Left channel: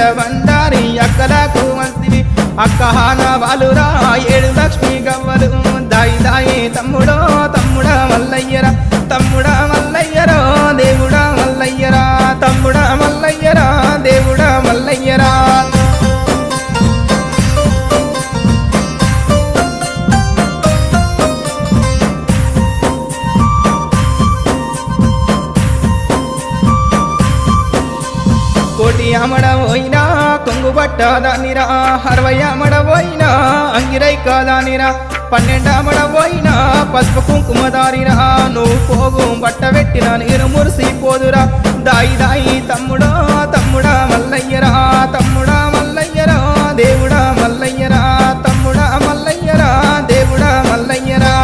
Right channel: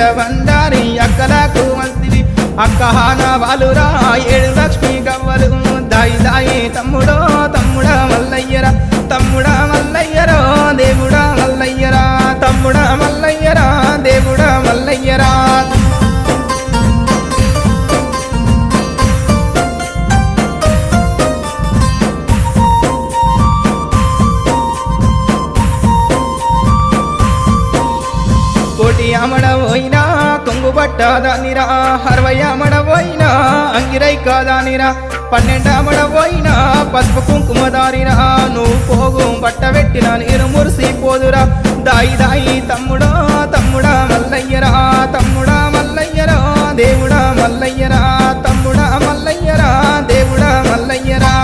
ఏల బండారి అక్కలకు మస్తివి అక్కహాన వాలురా 7 లక్ష్మి గవ్వలు దాయి దాయి తమ్ముడో తమ్ముడా మల్లయ్యరా తమ్ముడా మల్లయ్యరా దేవుడా మల్లయ్యరా తమ్ముడా మల్లయ్యరా దేవుడా మల్లయ్యరా కోటి అమడవోయినా కొంగు పట్టదానిరా 60 అమడవోయినా అంగిరై కాదానిరా 12 అమడవోయినా పసుపు కుంకుమదారిరా నువ్వు పోగు బట్ట పెట్టిన నేను మురిసిపోదురా దాయి దాయి తమ్ముడో తమ్ముడా మల్లయ్యరా తమ్ముడా మల్లయ్యరా దేవుడా మల్లయ్యరా తమ్ముడా మల్లయ్యరా దేవుడా మల్లయ్యరా